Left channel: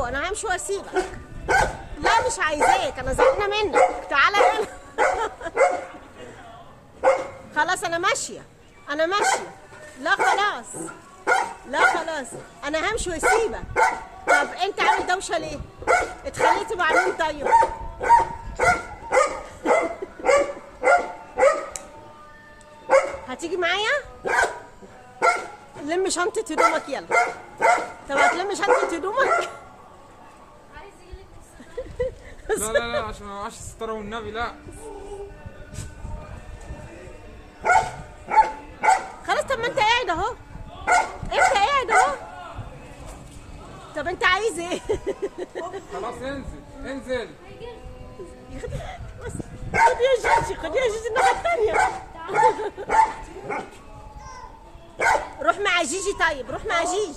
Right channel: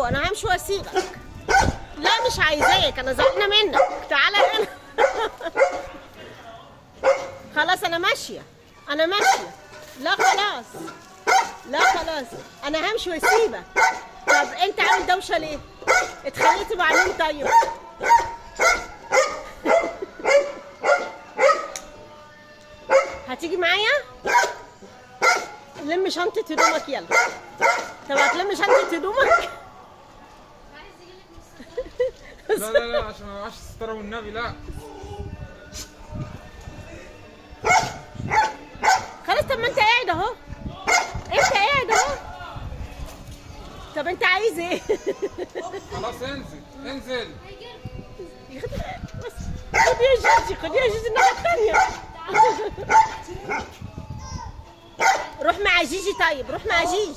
انا همشي واسيبك. لا مش عايزاك، انا زعلانه منك. تعالى هنا. خلاص انا ماشيه، انا ماشيه. لا خلاص، لا خلاص، انا همشي واسيبك. طب انت عامل دوشه ليه؟ اتخانقت مع مين طيب؟ هتيجي معايا؟ لم شنطه هدومك يلا. طب هتلم شنطه هدومك؟ لا لا لا، عشان ما معاش الستاره والنبي. لا خلاص. طب ما انت قاعد اهو، انت قاعد اهو. طب انت عايز ايه؟ خلاص، انزل انزل. بص، خد يا جيجي، خد يا جيجي الناحية التانية. روح مع جيجي. طيب روح مع جيجي،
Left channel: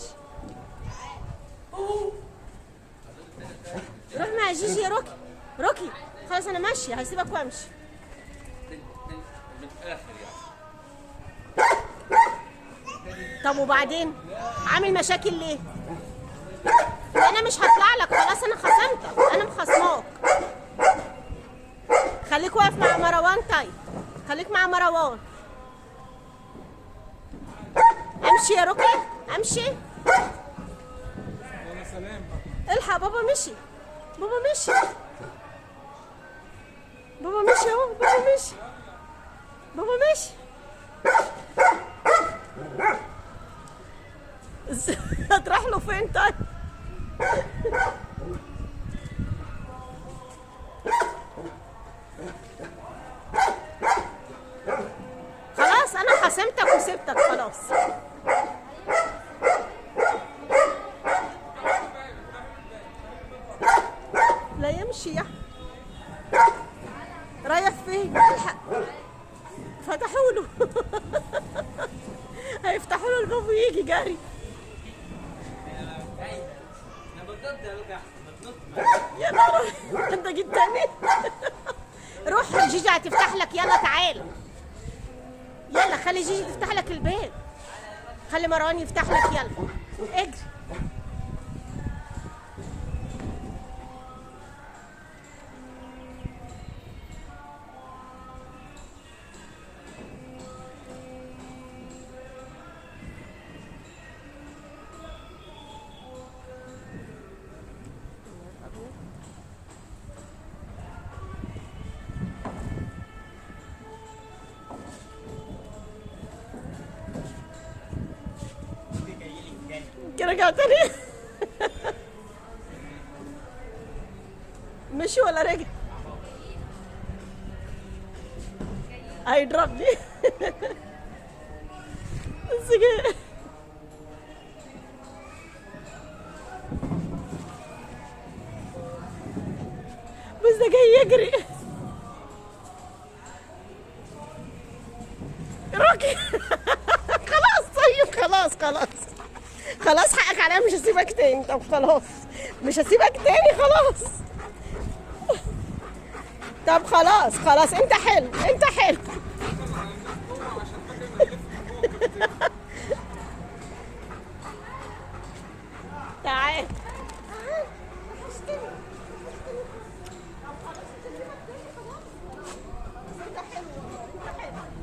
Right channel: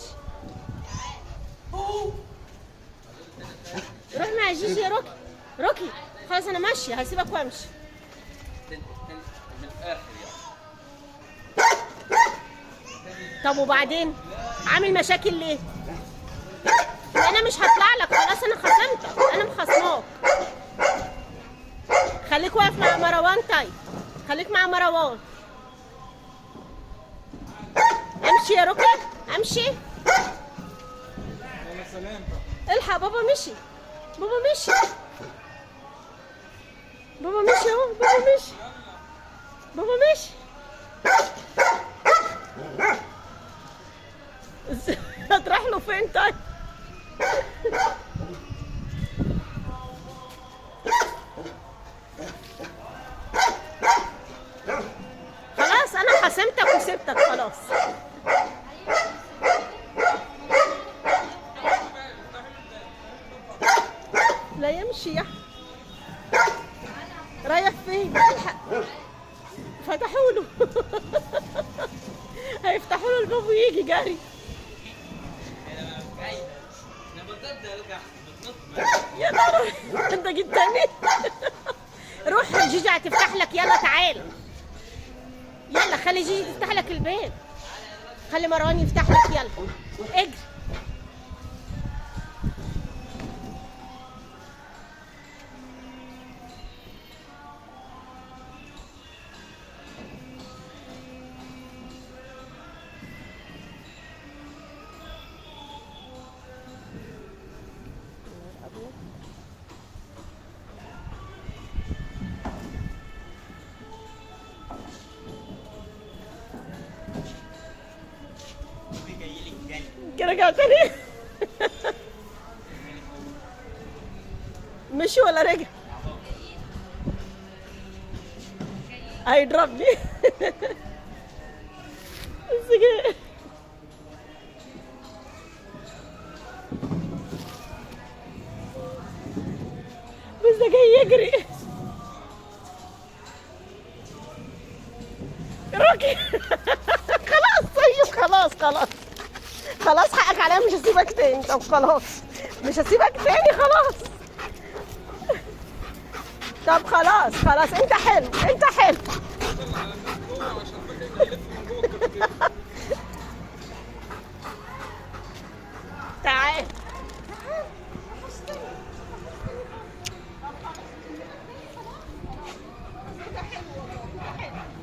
روح مع جيجي يا روكي. روكي خلاص انا ماشية، هسيبك وامشي. من الاخر يعني. طب وبعدين عامل مشاكل ليه؟ انا مش هطلع لك، خلاص انا خصمتك، انا مخصماك. خليك واقف مع مروان. طيب خليك مع مروان. امشي يا ركن، امشي. يا سلام. الحق بابا مشي، بابا مشي، بابا مشي اهو، بابا مشي، بابا مشي. هتروح له فين طيب؟ خلاص انا حسمتك وسبتك خلاص. لا يمشي يا أحمد. رايح فين؟ الحق، فتحوا له. هيفتحوا له الباب ويجي جري. يا نهار، انت جيت تاني. روح جيجي هتفتح لك. يلا تعال، يلا خلي جيجي تفتح لك الباب. خلي مروان يفتح لك. يلا اجري. رجع تاني. مشي ولا رجع؟ هيضربني. بس كده. بس ده جاي يجري. روكي. خلاص طيب، خلاص خلاص خلاص، حقك عليا، مش هسيبك تاني. طب خلاص مش هسيبك تاني خلاص. طب خلاص خلاص، انت حلو، انت حلو. تعال.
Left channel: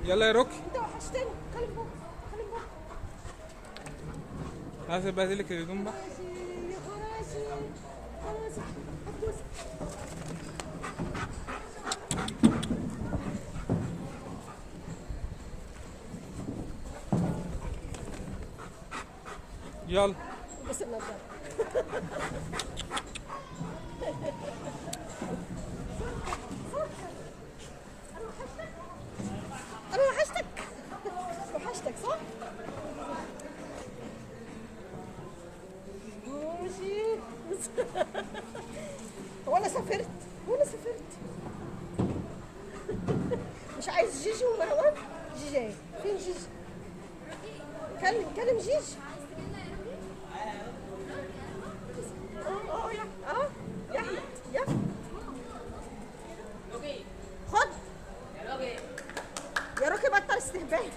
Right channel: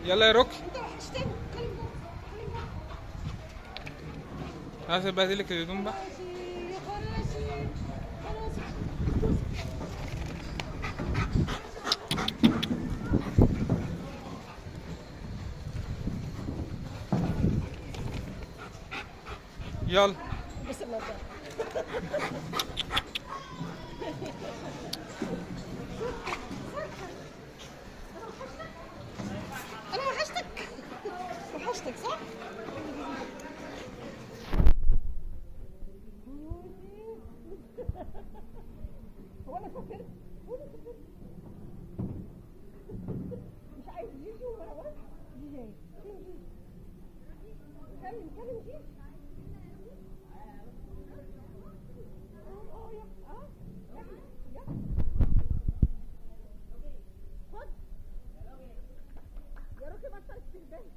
يلا يا روكي، انت وحشتني. هات بهدلك الهدوم بقى. يلا. بس النظارة. انا وحشتك، وحشتك صح؟ ماشي. هو انا سافرت، هو انا سافرت. مش عايز جيجي ومروان؟ جيجي اهي. فين جيجي؟ كلم جيجي. يا احمد، يا خد يا روكي، بطل استهبال.